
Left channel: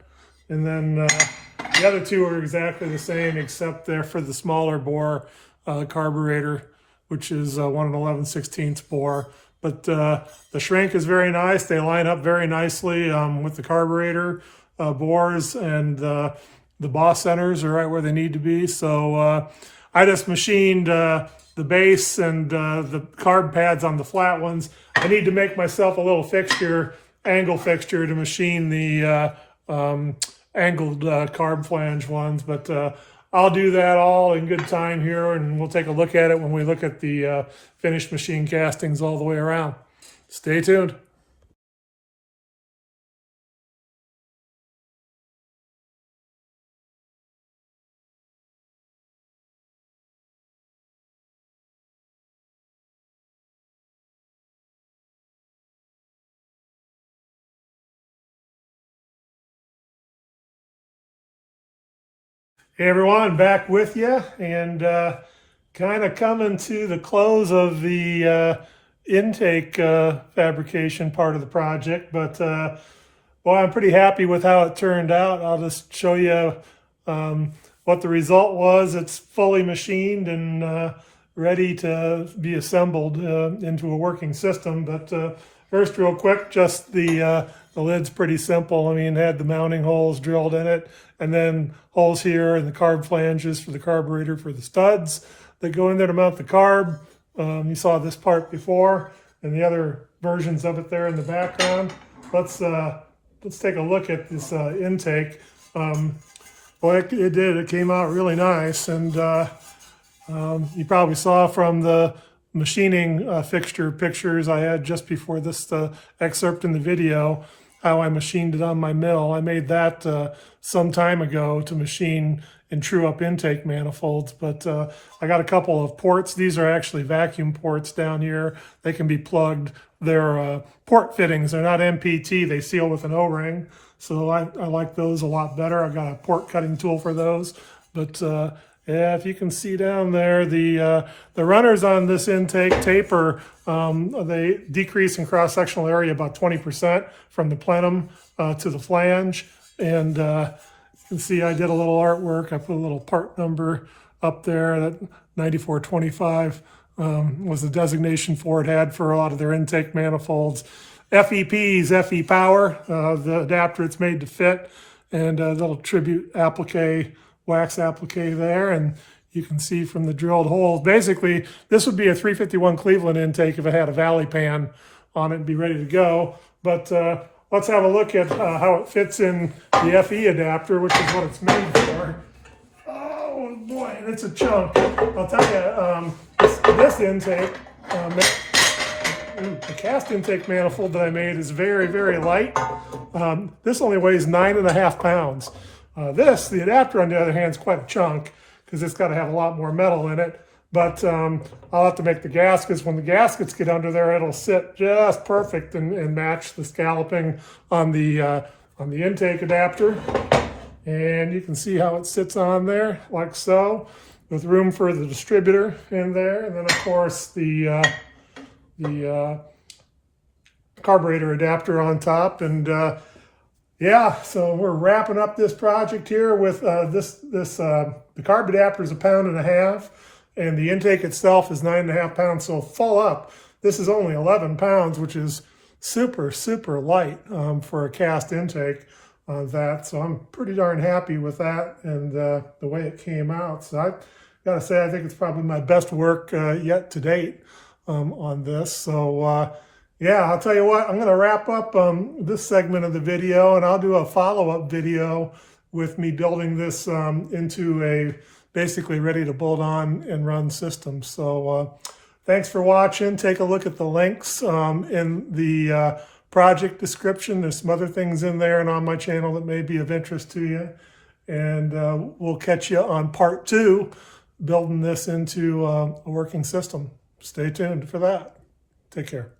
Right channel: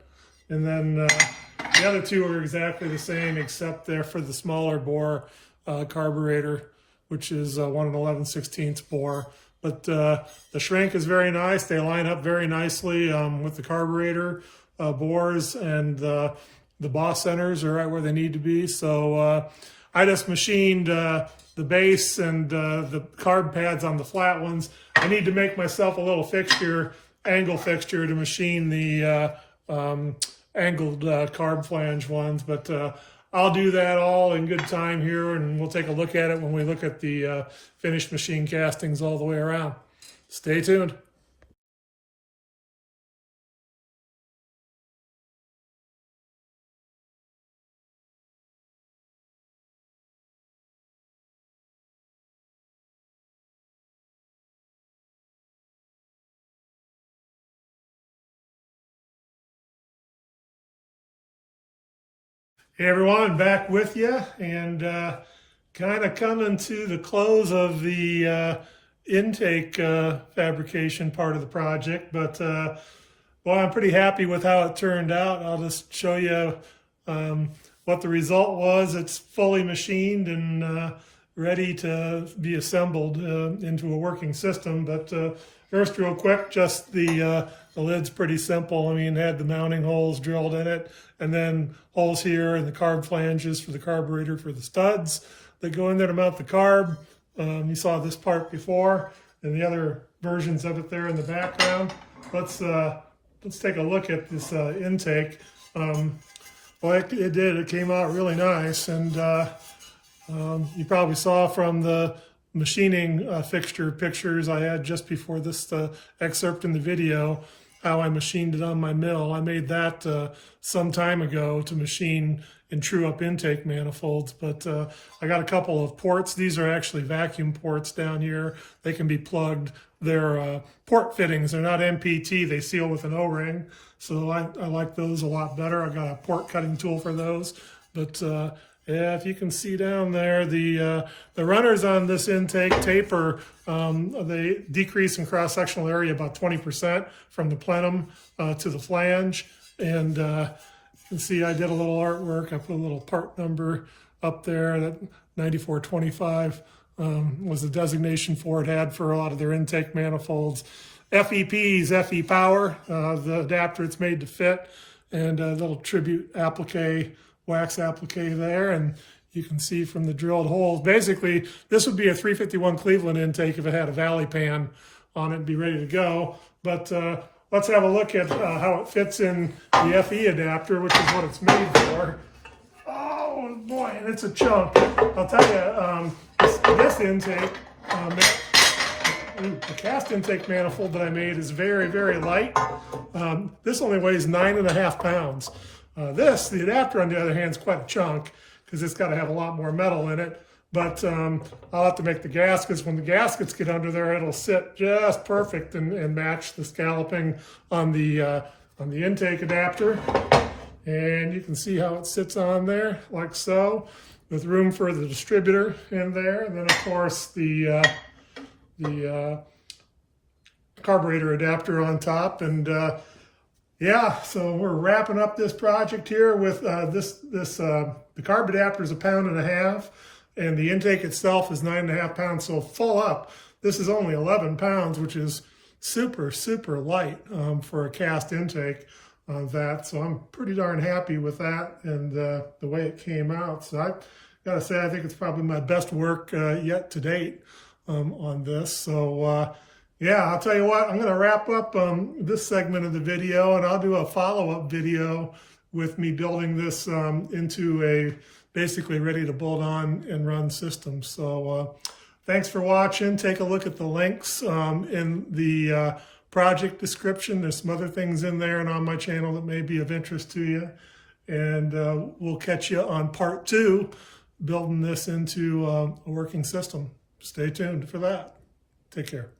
And then the other 2 are exactly the same, except they're for the smaller bore carburetor, which is 1 11/16 bore. but the shrink is very nice. They line up very nicely with the carburetor bores, and the boss centers are right where they need to be. So I just machined the base and the carb pads on the flat ones. I need to make myself a little fixture, angle fixture, to machine the angled carb flange ones, but I'll do that all in good time here, and we'll take a look at it when we look at the finished machine castings all the way around. Stay tuned. Hey everyone, back with you, and kind of coming to the close of the intake fabrication part of the project, but well, I'm pretty happy with how it turned out. I'll just show you what the result was. It's fully machined and ready to be assembled into a working system. But first, real quick, just the lid's pretty simple. I mean, it had the mounting holes drilled in it, and then holes here and the carb flanges for the carburetor for the studs that go in there to mount the carb. You saw this part before, and the other versions of it there in the background. Let's take a look at this intake. Well, it did. It came out really nice, and you probably saw from the machining fixture pictures I had just before this excerpt in the video how I machined it on my mill. I made that some time ago to machine and true up intake manifolds, but I got a couple of ports. These are actually vacuum ports down here. They can be plugged. They're port fittings. They're not MPT. They seal with an O-ring, so I like those a lot better. I got a port cutting tool for those, but yeah, if you can see down there, the runners on this intake taper, they decrease in cross-sectional area about 20% from the plenum to the flange. And you can see I did a little artwork. I put a little part number up there. That 9425 was the designation Ford had for a lot of their intake manifolds. FEPs, FE power, the adapter it's made to fit, and a little tribute applique, wax applique there, and you can see from the drilled holes. Basically, this would be a 351 Cleveland intake if it had a valley pan on it and be ready to go. But let's have a look at how it fits in the FE adapter, which is what it's made for. Oh boy, and it's a chunk. I'll tell you, this intake, the cast intake manifold that I made is very, very light. This only weighs 9.5 pounds. The adapter, on the other hand, is quite a chunk because it's got to have a lot more metal in it. But I'll have to make the gaskets. When the gaskets get under there, it'll sit just perfect and match the scalloping on the intake adapter. And you can see how it sits on there, like so, with room for the distributor in there. And then, of course, the carburetor adapter on top. And yeah, so we're wrapping up this project here with the carb adapter is 1.5 pounds, and the intake itself is 9.5 pounds. So full up, this is only 11 pounds, which is super, super light for a cast intake on that. So I'm pretty darn happy with that and the way it came out. So I gotta say, I think it's probably my best work yet to date on this. So yeah, I'll tell you what, I'm going to wrap up this segment of the video, and I'll do a follow-up video with me building this into a basically ready to bolt on and run system. So thanks for watching. Take a look at the links in the project description. There's some other things in there and on my channel that may be of interest to you. And we'll catch you on part 2, building this into a working system. Stay tuned for that. Take care.